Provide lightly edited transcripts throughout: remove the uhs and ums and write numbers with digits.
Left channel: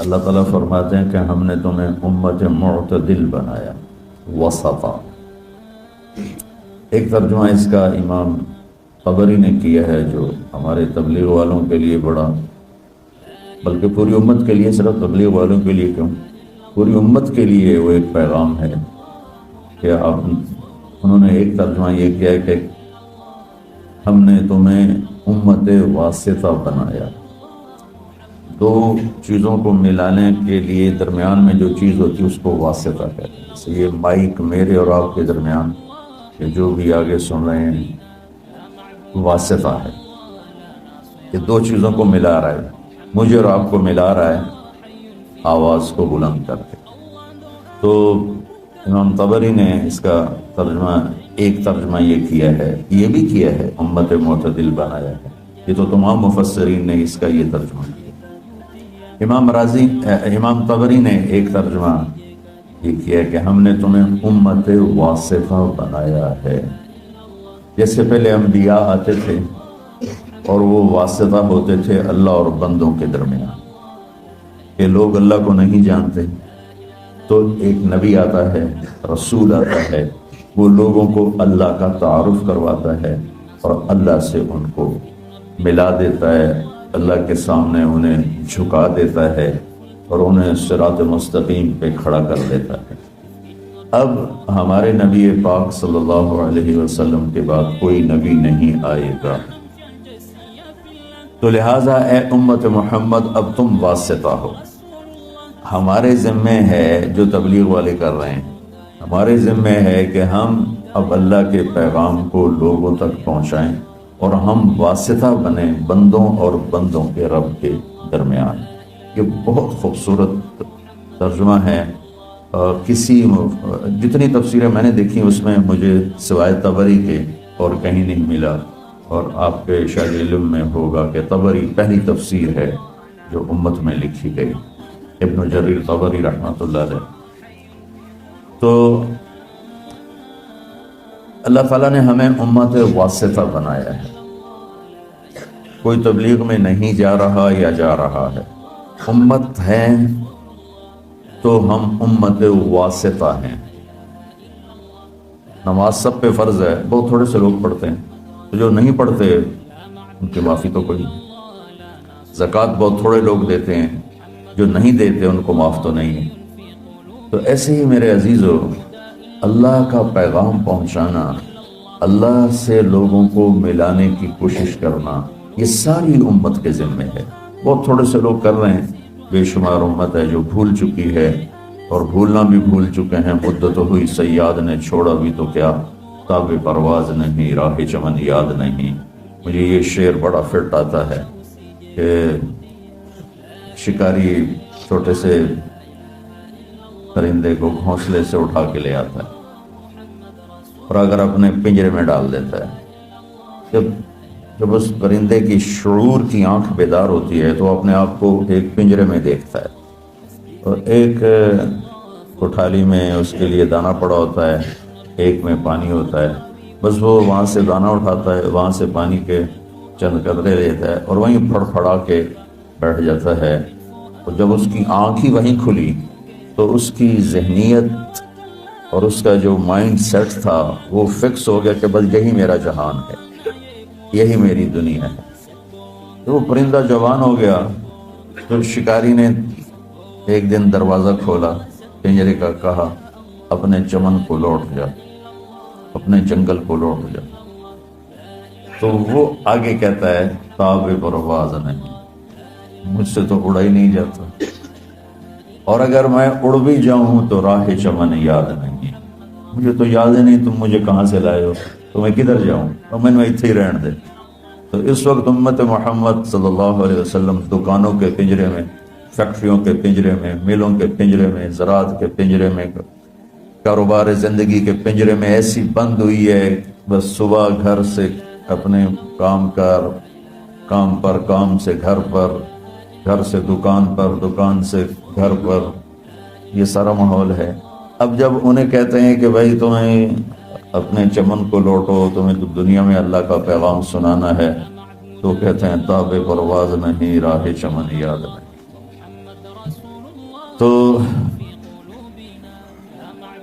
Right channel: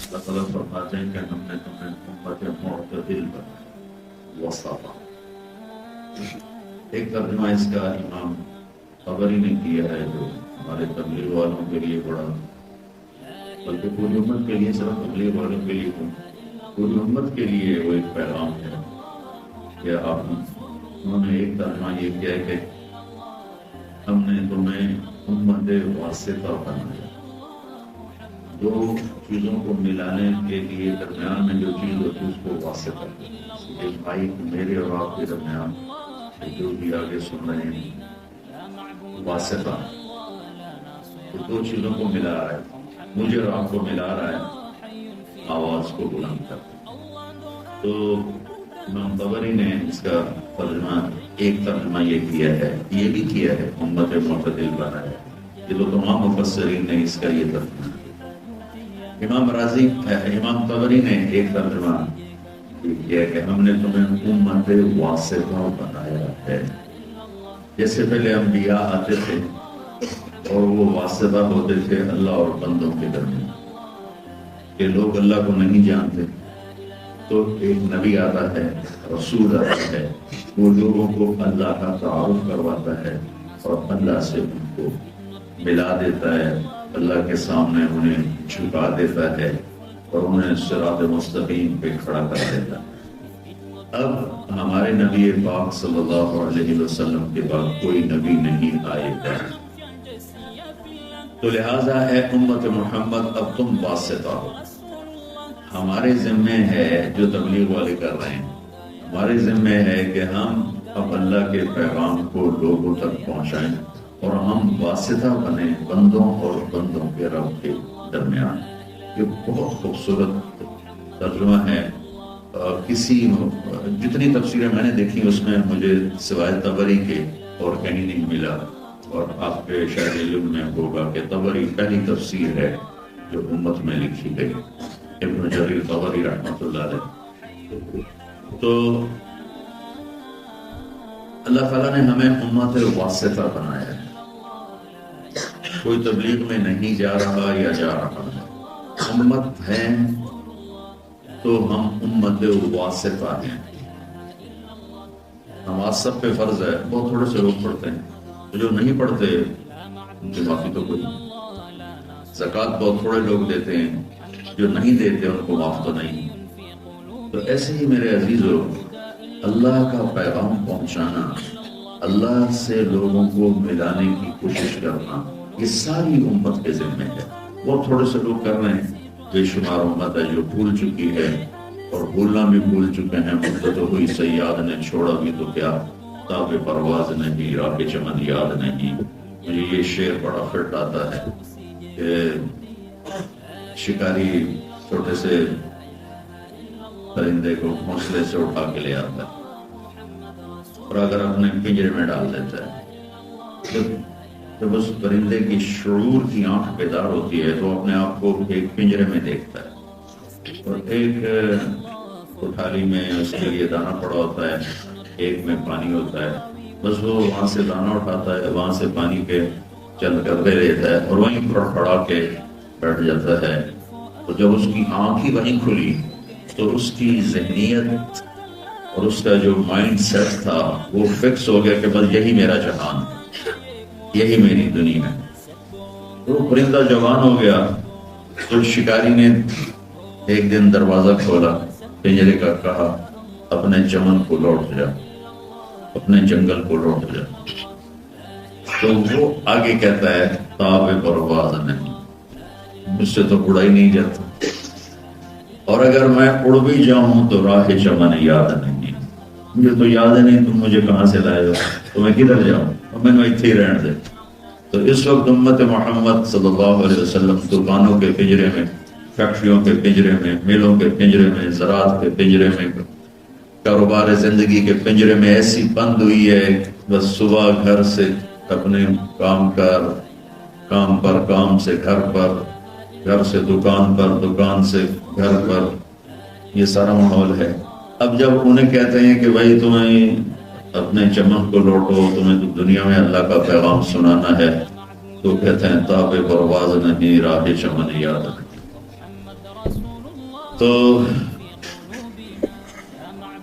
اللہ تعالیٰ فرماتے ہیں کہ ہم نے تمہیں امت معتدل بنایا، وسطا۔ ایک ترجمہ اس کا امام طبری نے کیا ہے، جو ہمارے تبلیغ والوں کے لیے بڑا، بلکہ پوری امت کے لیے، صرف تبلیغ والوں کے لیے کیوں، پوری امت کے لیے وہ ایک پیغام ہے کہ انہوں نے ایک ترجمہ یہ کیا ہے کہ ہم نے تمہیں امت واسطہ بنایا۔ دو چیزوں کو ملانے کے لیے درمیان میں جو چیز ہوتی ہے اس کو واسطہ کہتے ہیں۔ جیسے یہ مائک میرے اور آپ کے درمیان، جو بھی آگے سن رہے ہیں، واسطہ ہے، یہ دو چیزوں کو ملا رہا ہے، مجھے اور آپ کو ملا رہا ہے آواز کو بلند کر کے۔ تو امام طبری نے اس کا ترجمہ، ایک ترجمہ یہ کیا ہے، یہ بھی کیا ہے امت معتدل بنایا ہے، یہ تو تمام مفسرین نے اس کا یہ ترجمہ کیا۔ امام طبری نے ایک ترجمہ یہ کیا کہ ہم نے تمہیں امت واسطہ بنایا ہے۔ جیسے پہلے انبیاء آتے تھے اور وہ واسطہ ہوتے تھے اللہ اور بندوں کے درمیان، کہ لوگ اللہ کو نہیں جانتے تو ایک نبی آتا ہے، رسول آتا ہے، وہ لوگوں کو اللہ کا تعارف کرواتا ہے اور اللہ سے ان کو ملا دیتا ہے، اللہ کے سامنے انہیں جھکا دیتا ہے اور انہیں صراط مستقیم پہ کھڑا کر دیتا ہے۔ اب ہمارے نبی پاک صلی اللہ علیہ وسلم کے بعد کوئی نبی نہیں آئے گا، تو لہٰذا اے امت محمد اب تم واسطہ ہو۔ ہمارے ذمہ ہے، جو تبلیغ والے کر رہے ہیں، ہمارے ذمہ ہے کہ ہم اب اللہ کے پیغام کو لوگوں تک پہنچائیں اور ہم واسطہ بنیں بندوں اور بندوں کے رب کے درمیان۔ یہ بہت خوبصورت ترجمہ ہے۔ جتنی تفسیریں میں نے دیکھی اس میں مجھے سوائے طبری کے اور کہیں نہیں ملا، اور آپ کے شاید علم میں ہوگا کہ طبری پہلی تفسیر ہے جو امت میں لکھی گئی، ابن جریر طبری رحمۃ اللہ علیہ۔ تو اللہ تعالیٰ نے ہمیں امت واسطہ بنایا ہے، کوئی تبلیغ میں نہیں جا رہا یا جا رہا ہے، امت ہے تو ہم امت واسطہ ہیں۔ نماز سب پہ فرض ہے، بہت تھوڑے سے لوگ پڑھتے ہیں، تو جو نہیں پڑھتے ان کی معافی تو کوئی نہیں۔ زکوٰۃ بہت تھوڑے لوگ دیتے ہیں، جو نہیں دیتے ان کو معاف تو نہیں ہے۔ تو ایسے ہی میرے عزیزو، اللہ کا پیغام پہنچانا، اللہ سے لوگوں کو ملانے کی کوشش کرنا، یہ ساری امت کے ذمہ ہے۔ بہت تھوڑے سے لوگ کر رہے ہیں، بے شمار امت ہے جو بھول چکی ہے، اور بھولنا بھی بھول چکے ہیں۔ مدت ہوئی صیاد نے چھوڑا بھی تو کیا، تاب پرواز نہیں، راہ چمن یاد نہیں۔ مجھے یہ شعر بڑا فٹ آتا ہے کہ شکاری چھوٹے سے پرندے کو گھونسلے سے اٹھا کے لے آتا ہے اور اگر اپنے پنجرے میں ڈال دیتا ہے، جب اس پرندے کی شعور کی آنکھ بیدار ہوتی ہے تو اپنے آپ کو ایک پنجرے میں دیکھتا ہے، اور ایک کوٹھالی میں اس کے لیے دانا پڑا ہوتا ہے، ایک میں پانی ہوتا ہے، بس وہ وہاں سے دانا اٹھاتا ہے، وہاں سے پانی کے چند قطرے لیتا ہے اور وہیں پھڑ پھڑا کے بیٹھ جاتا ہے۔ تو جب اس کی آنکھ ہی وہیں کھلی تو اس کی ذہنیت اور اس کا جو مائنڈ سیٹ تھا وہ فکس ہو گیا کہ بس یہی میرا جہان ہے، یہی میری دنیا ہے۔ تو وہ پرندہ جوان ہو گیا، تو شکاری نے ایک دن دروازہ کھولا پنجرے کا، کہا اپنے چمن کو لوٹ جا، اپنے جنگل کو لوٹ جا۔ تو وہ آگے کہتا ہے تاب پرواز نہیں، مجھ سے تو اڑا ہی نہیں جاتا، اور اگر میں اڑ بھی جاؤں تو راہ چمن یاد نہیں، مجھے تو یاد نہیں تم مجھے کہاں سے لائے ہو، تو میں کدھر جاؤں، تو میں نے اتنے ہی رہن دے۔ تو اس وقت امت محمد صلی اللہ علیہ وسلم دکانوں کے پنجرے میں، فیکٹریوں کے پنجرے میں، میلوں کے پنجرے میں، زراعت کے پنجرے میں، کاروبار زندگی کے پنجرے میں ایسی بند ہوئی ہے، بس صبح گھر سے اپنے کام پر، کام سے گھر پر، گھر سے دکان پر، دکان سے گھر پر، یہ سارا ماحول ہے۔ اب جب انہیں کہتے ہیں کہ بھائی تمہیں اپنے چمن کو لوٹو، تمہیں تو دنیا میں اللہ کا پیغام سنانا ہے، تو کہتے ہیں تاب پرواز نہیں، راہ چمن یاد نہیں۔ تو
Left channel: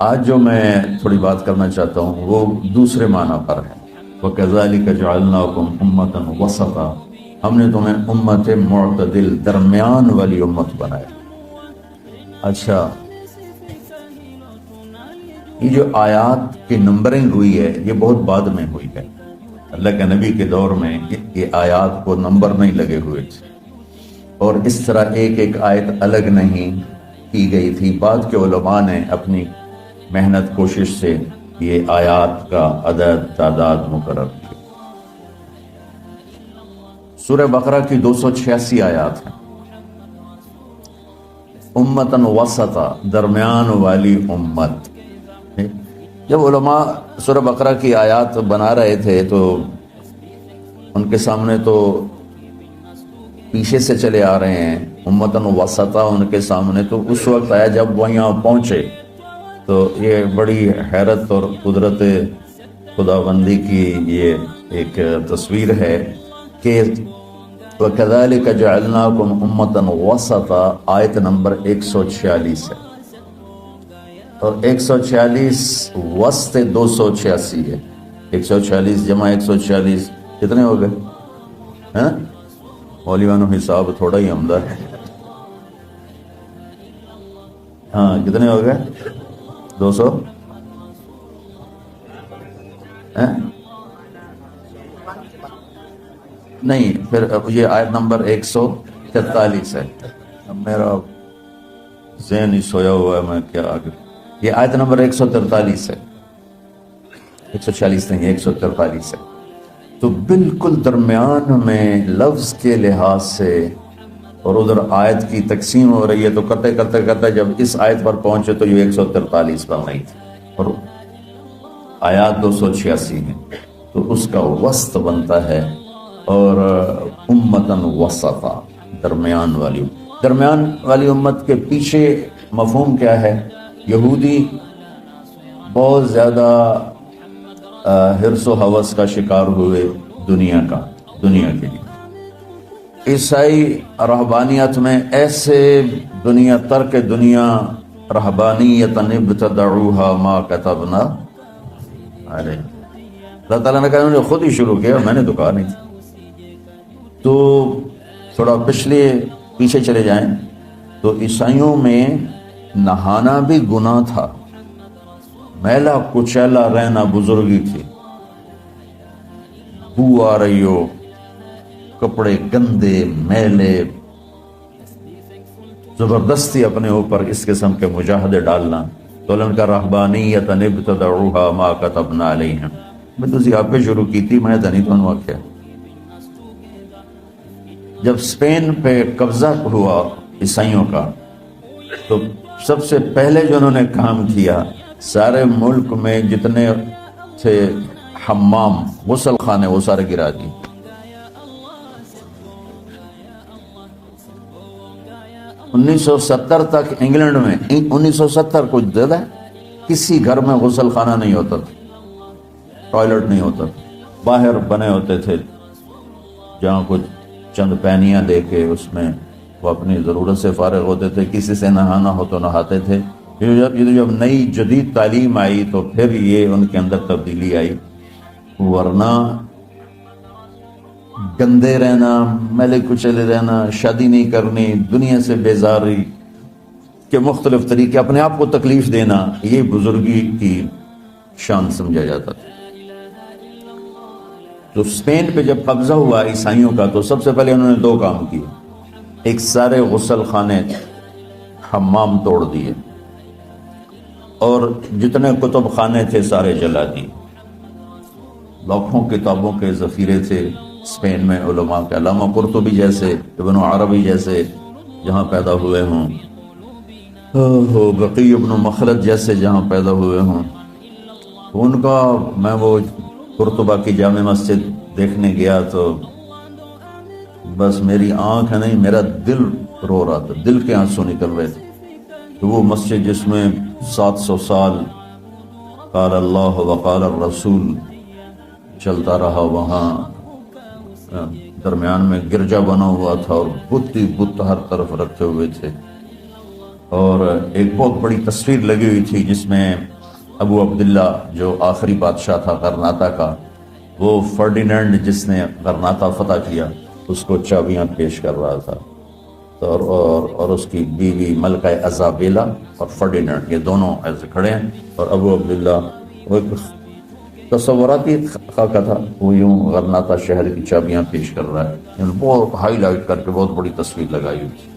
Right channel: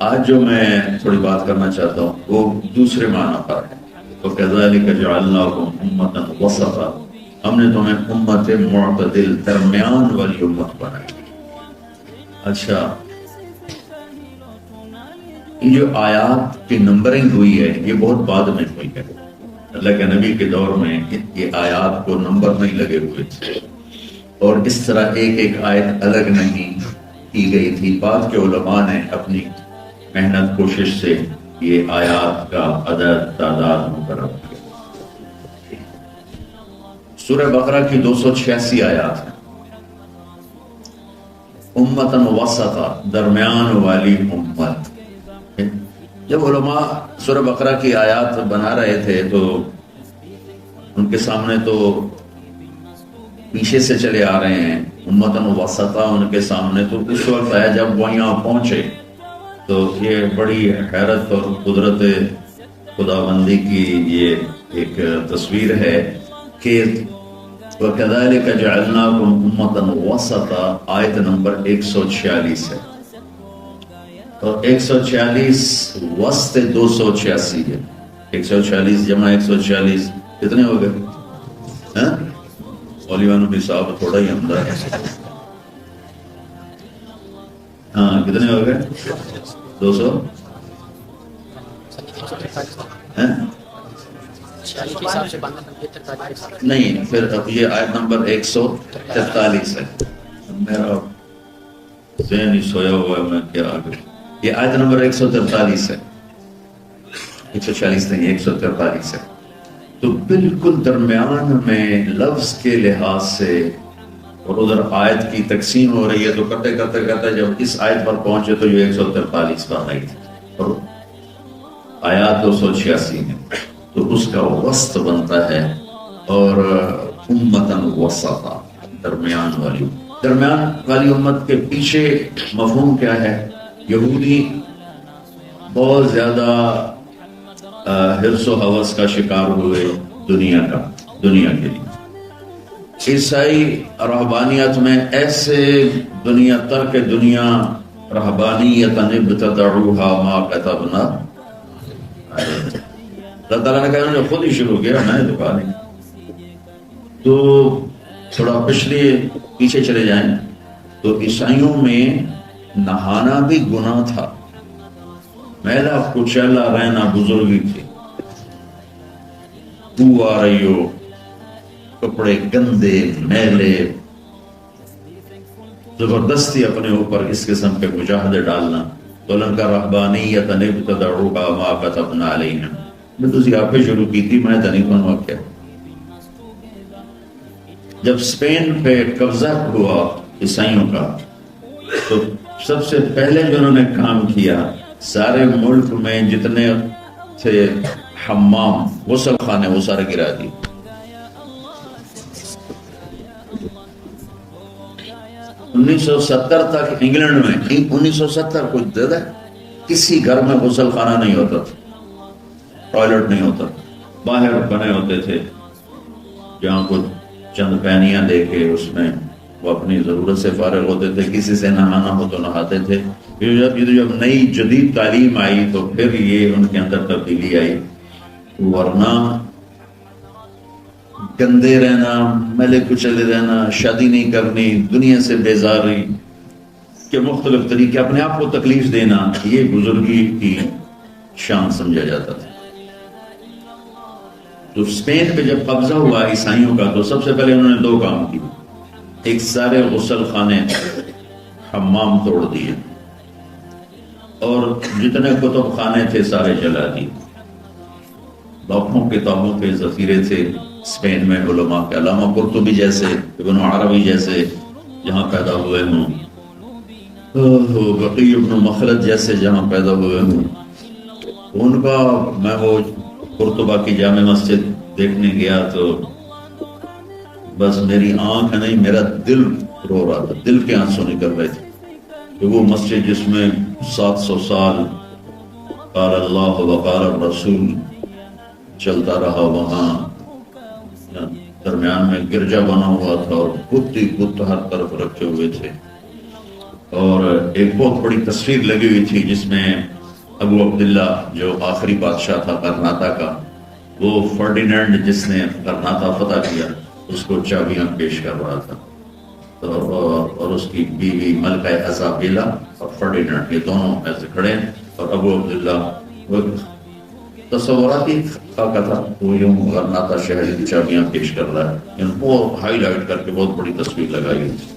آج جو میں تھوڑی بات کرنا چاہتا ہوں وہ دوسرے معنی پر ہے. وَكَذَلِكَ جَعَلْنَاكُمْ أُمَّةً وَسَطًا، ہم نے تمہیں امت معتدل، درمیان والی امت بنائی. اچھا، یہ جو آیات کی نمبرنگ ہوئی ہے یہ بہت بعد میں ہوئی ہے. اللہ کے نبی کے دور میں یہ آیات کو نمبر نہیں لگے ہوئے تھے، اور اس طرح ایک ایک آیت الگ نہیں کی گئی تھی. بعد کے علماء نے اپنی محنت کوشش سے یہ آیات کا عدد تعداد مقرر کی. سورہ بقرہ کی 286 آیات ہیں. امتاً وسطا، درمیان والی امت. جب علماء سورہ بقرہ کی آیات بنا رہے تھے تو ان کے سامنے تو پیچھے سے چلے آ رہے ہیں امتاً وسطا ان کے سامنے، تو اس وقت آیا جب وہ یہاں پہنچے تو یہ بڑی حیرت اور قدرت خداوندی کی یہ ایک تصویر ہے کہ وَكَذَلِكَ جَعَلْنَاكُمْ أُمَّةً وَسَطًا، آیت نمبر 146 ہے، اور 146 وسط 286 ہے. 146 جمع 146 کتنے ہو گئے؟ مولیانو حساب تھوڑا ہی عمدہ ہے. ہاں کتنے ہو گئے؟ 200 نہیں، پھر یہ آیت نمبر 143 ہے. میرا ذہن ہی سویا ہوا ہے، میں کیا آگے. یہ آیت نمبر 143 ہے، 146 نہیں 143 ہے. تو بالکل درمیان میں لفظ کے لحاظ سے، اور ادھر آیت کی تقسیم ہو رہی ہے تو کرتے کرتے کرتے جب اس آیت پر پہنچے تو یہ 143 بن رہی تھی اور آیات 286 ہیں. تو اس کا وسط بنتا ہے. اور امتاً وسطا، درمیان والی. درمیان والی امت کے پیچھے مفہوم کیا ہے؟ یہودی بہت زیادہ حرص و ہوس کا شکار ہوئے دنیا کے لیے. عیسائی رہبانیت میں ایسے دنیا ترک دنیا رہبانیت ابتدعوها ما كتبنا، اللہ تعالیٰ نے کہا مجھے خود ہی شروع کیا، میں نے تو کہا نہیں تھا. تو تھوڑا پیچھے چلے جائیں تو عیسائیوں میں نہانا بھی گناہ تھا، میلا کچیلا رہنا بزرگی تھی. بو آ رہی ہو، کپڑے گندے میلے، زبردستی اپنے اوپر اس قسم کے مجاہدے ڈالنا. تو ان کا رہبانیت ابتدعوها ما كتبنا علیہم، میں تو آپ پہ شروع کی تھی، میں نہیں کہوں کیا. جب اسپین پہ قبضہ ہوا عیسائیوں کا تو سب سے پہلے جو انہوں نے کام کیا، سارے ملک میں جتنے تھے حمام غسل خانے وہ سارے گرا دیے. انیس سو 70 تک انگلینڈ میں 1970 کچھ زیادہ کسی گھر میں غسل خانہ نہیں ہوتا تھا، ٹوائلٹ نہیں ہوتا تھا. باہر بنے ہوتے تھے جہاں کچھ چند پینیاں لے کے اس میں وہ اپنی ضرورت سے فارغ ہوتے تھے. کسی سے نہانا ہو تو نہاتے تھے. جب نئی جدید تعلیم آئی تو پھر یہ ان کے اندر تبدیلی آئی، ورنہ گندے رہنا، میلے کچلے رہنا، شادی نہیں کرنی، دنیا سے بیزاری کے مختلف طریقے، اپنے آپ کو تکلیف دینا، یہ بزرگی کی شان سمجھا جاتا تھا. تو اسپین پہ جب قبضہ ہوا عیسائیوں کا تو سب سے پہلے انہوں نے 2 کام کیے. ایک سارے غسل خانے حمام توڑ دیے، اور جتنے کتب خانے تھے سارے جلا دیے. لاکھوں کتابوں کے ذخیرے تھے اسپین میں علماء کے، علامہ قرطبی جیسے، ابن عربی جیسے جہاں پیدا ہوئے ہوں، بقی ابن مخلد جیسے جہاں پیدا ہوئے ہوں. تو ان کا میں وہ قرطبہ کی جامع مسجد دیکھنے گیا تو بس میری آنکھ نہیں میرا دل رو رہا تھا، دل کے آنسو نکل رہے تھے. کہ وہ مسجد جس میں 700 سال قال اللہ وقال الرسول چلتا رہا، وہاں درمیان میں گرجا بنا ہوا تھا اور بت ہی بت ہر طرف رکھے ہوئے تھے، اور ایک بہت بڑی تصویر لگی ہوئی تھی جس میں ابو عبداللہ جو آخری بادشاہ تھا غرناطہ کا، وہ فرڈینینڈ جس نے غرناطہ فتح کیا اس کو چابیاں پیش کر رہا تھا، اور اس کی بیوی ملکہ ازابیلا اور فرڈینینڈ، یہ دونوں ایسے کھڑے ہیں، اور ابو عبداللہ وہ تصوراتی خاکہ تھا، وہ یوں غرناطہ شہر کی چابیاں پیش کر رہا ہے، یعنی بہت ہائی لائٹ کر کے بہت بڑی تصویر لگائی ہوئی تھی۔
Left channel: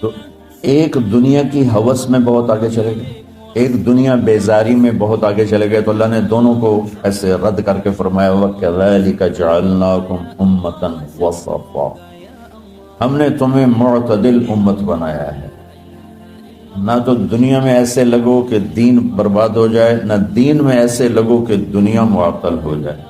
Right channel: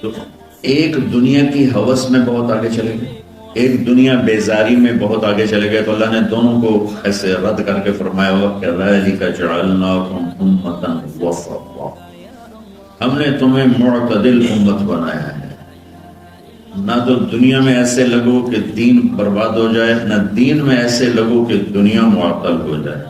تو ایک دنیا کی ہوس میں بہت آگے چلے گئے، ایک دنیا بیزاری میں بہت آگے چلے گئے، تو اللہ نے دونوں کو ایسے رد کر کے فرمایا وَكَذَلِكَ جَعَلْنَاكُمْ أُمَّةً وَسَطًا، ہم نے تمہیں معتدل امت بنایا ہے، نہ تو دنیا میں ایسے لگو کہ دین برباد ہو جائے، نہ دین میں ایسے لگو کہ دنیا معطل ہو جائے۔